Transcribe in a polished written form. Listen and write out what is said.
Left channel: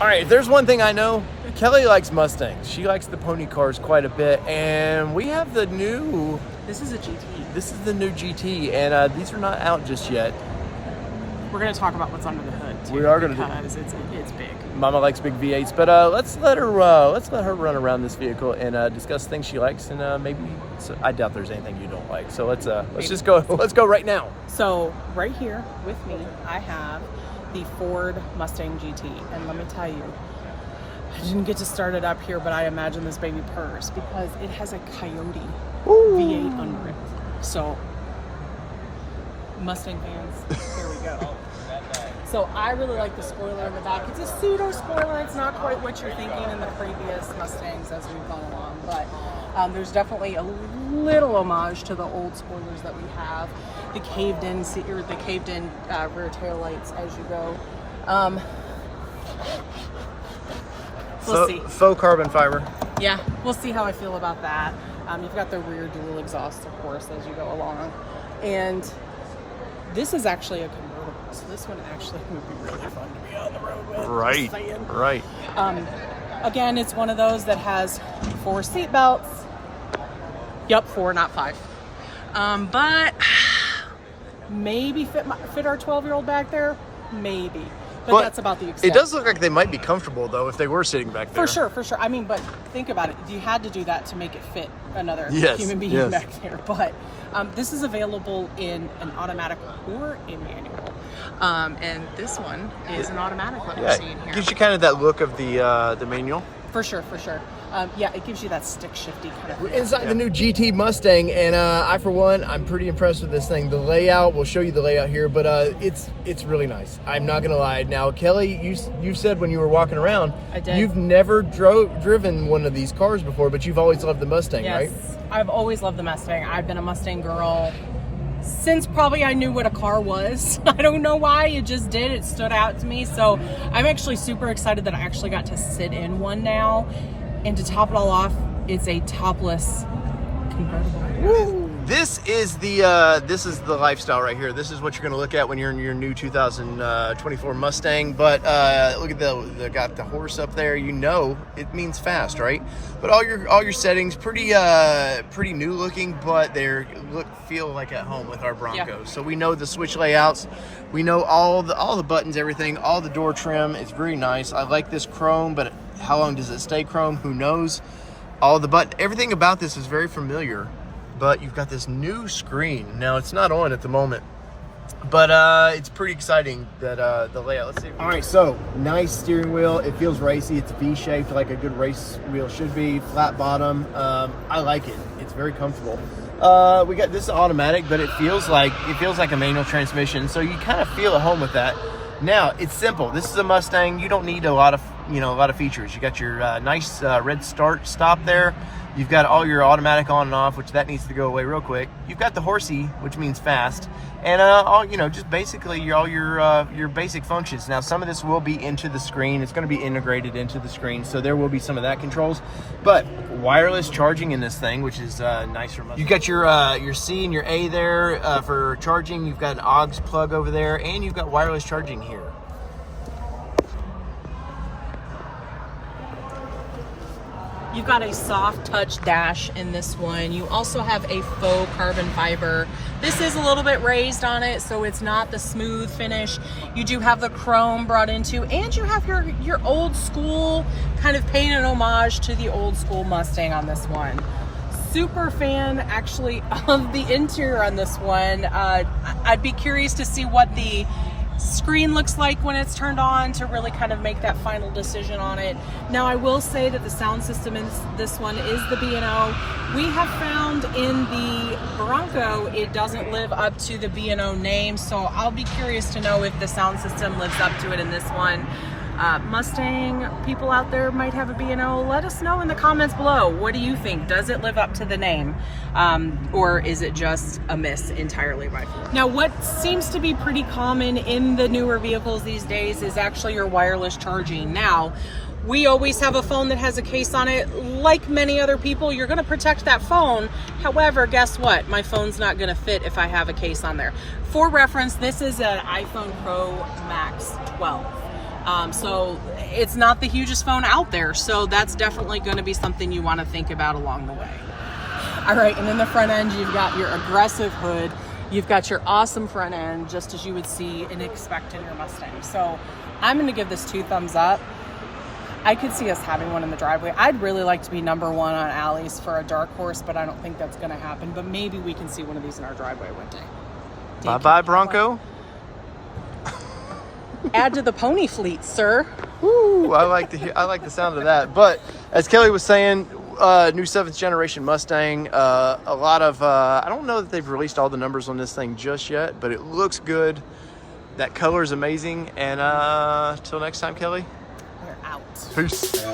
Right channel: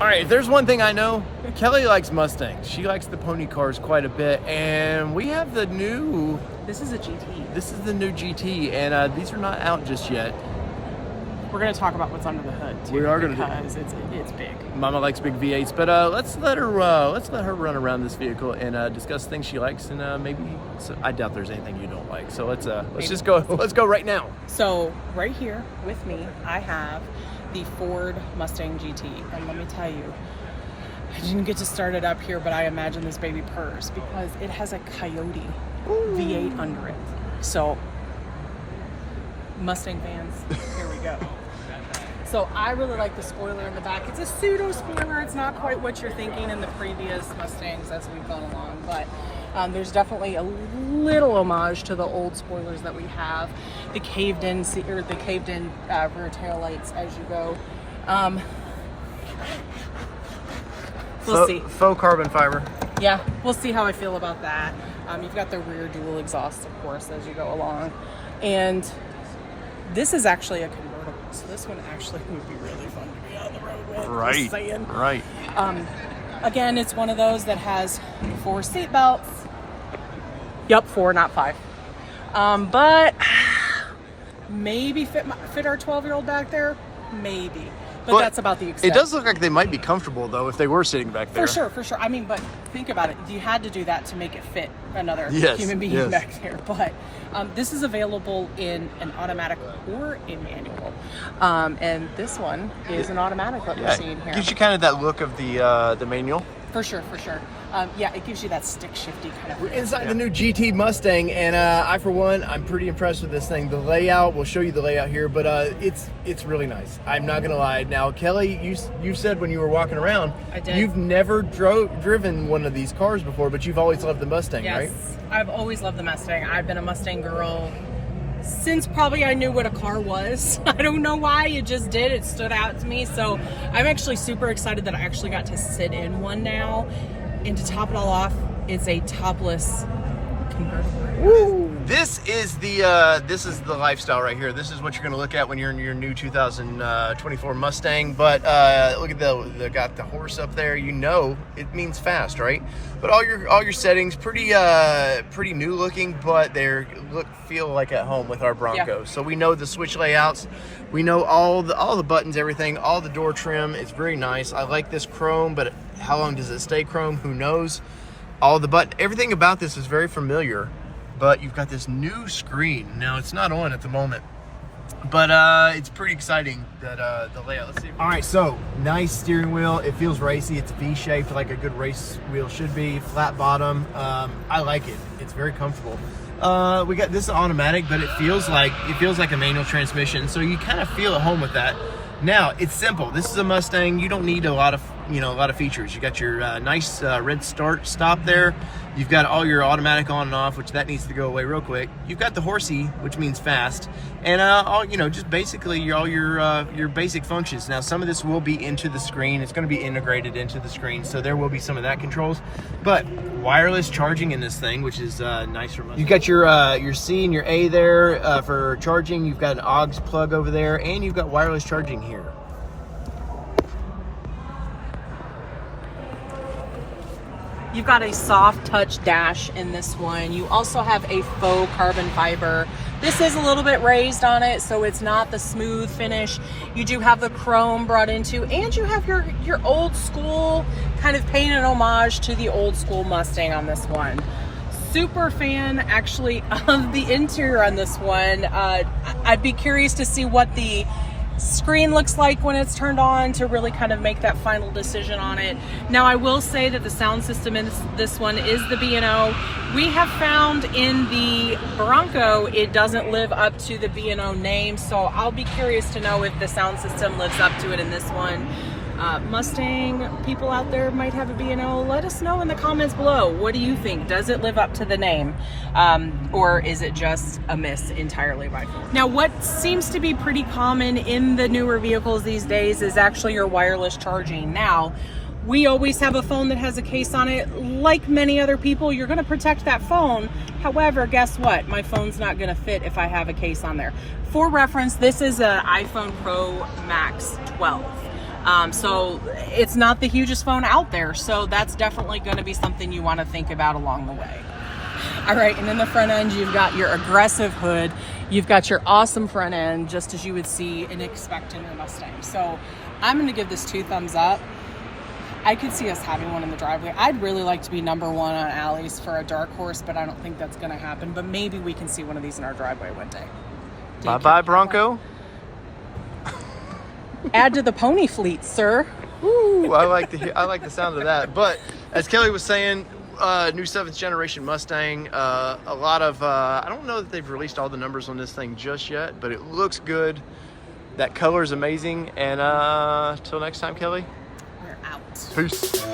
All right, if there's one thing I know, Kelly likes Mustangs. She likes the pony cars quite a bit, and we have the new... This is a GT. This is the new GT, and these are not out just yet. We're going to talk about what's under the hood. We are going to because it's big. Mama likes big V8s, but let's let her run around this vehicle and discuss things she likes, and maybe I doubt there's anything you don't like. So let's just go. Let's go right now. So right here with me, I have the Ford Mustang GT, and let me tell you, I didn't get to start it up here, but I imagine this baby purrs because it has a Coyote V8 under it. So Mustang fans, here we go. So I really like the spoiler in the back. It's a pseudo spoiler. It's not quite what you're thinking in the previous Mustangs as we've gone along, but there's definitely a little homage to the old spoilers that we have. The caved-in rear tail lights as you go. We'll see. Faux carbon fiber. Yeah, we'll see how I feel about that. You've got the rear dual exhaust, of course, as you go along, and this is actually a convertible, so this one actually would be really fun to be on the road with. Right. Again, it's one of those that has 4 seat belts. Yep, 4, not 5. But maybe fit our 12-year-old back there. Maybe. But that's about the extent. It does look like they might be comfortable, though, if they were sitting back there. For sure. I mean, but think about it. You had to do that to make it fit another human being back there. But this is available in an automatic or a manual. And this one is an automatic, what we're seeing here. Gives you kind of that look of the manual. For sure. Yeah, it gives you that stick shifty kind of feel. We're inside the new GT Mustang, and I, for one, I'm pretty impressed with this thing. The layout, we'll show you the layout here, but it's really nice. I'm not gonna lie. Now, Kelly, you said when you were walking around, you've never driven one of these cars before, but you've always loved the Mustang, right? Yes, I've always loved the Mustang. I've been a Mustang girl since probably I knew what a car was. I don't know why, it just did. It stood out to me. So I'm actually super excited that I actually got to sit in one now. And to top it all off, it's a topless convertible. Woo! This is the lifestyle right here. This is what you're going to look at when you're in your new 2024 Mustang. But look at got the horse up there. You know it means fast, right? But all your settings pretty new looking, but they feel like at home with our Broncos. Yeah. So we know the switch layouts. We know all the buttons, everything, all the door trim. It's very nice. I like this chrome, but how long does it stay chrome? Who knows? Everything about this is very familiar, but you've got this new screen. Now, it's not on at the moment, but it's pretty exciting that the layout. Let's see. All right, so nice steering wheel. It feels racy. It's V-shaped like a good race wheel should be. Flat bottom. I like it. It's very comfortable. We got this automatic, but it feels like a manual transmission, so you kind of feel at home with that. Now, it's simple. This is a Mustang. You don't need a lot of features. You got your nice red stop there. You've got all your automatic on and off, which that needs to go away real quick. You've got the horsey, which means fast, and just basically all your basic functions. Now, some of this will be into the screen. It's going to be integrated into the screen, so there will be some of that controls. But wireless charging in this thing, which is nice for Mustang. You've got your C and your A there for charging. You've got an aux plug over there, and you've got wireless charging here. You've got a soft touch dash in this one. You also have a faux carbon fiber. This is a little bit raised on it, so it's not the smooth finish. You do have the chrome brought into, and you have your old school, kind of paying an homage to the old school Mustang on this one. Super fan, actually, of the interior on this one. I'd be curious to see what the screen looks like when it's turned on to really kind of make that final decision on it. Now, I will say that the sound system in this one is the B&O. We have found in the Bronco it doesn't live up to the B&O name, so I'll be curious to know if the sound system lives up to it in this one. Mustang people out there might have a B&O. Let us know in the comments below. What do you think? Does it live up to the name? Or is it just a miss entirely by far? Now, what seems to be pretty common in the newer vehicles these days is actually your wireless charging. Now, we always have a phone that has a case on it. Like many other people, you're gonna protect that phone. However, guess what? My phone's not gonna fit if I have a case on there. For reference, this is an iPhone Pro Max 12. So it's not the hugest phone out there. So that's definitely going to be something you want to think about along the way. All right, and in the front end, you've got your aggressive hood. You've got your awesome front end, just as you would see and expect in your Mustang. So I'm going to give this 2 thumbs up. I could see us having one in the driveway. I'd really like to be number 1 on alleys for a dark horse, but I don't think that's going to happen. But maybe we can see one of these in our driveway one day. Bye-bye, Bronco. Add to the pony fleet, sir. Woo, I like the sound of that. But as Kelly was saying, new 7th generation Mustang. A lot of I don't know that they've released all the numbers on this thing just yet, but it looks good. That color is amazing. And till next time, Kelly. We're out. Peace.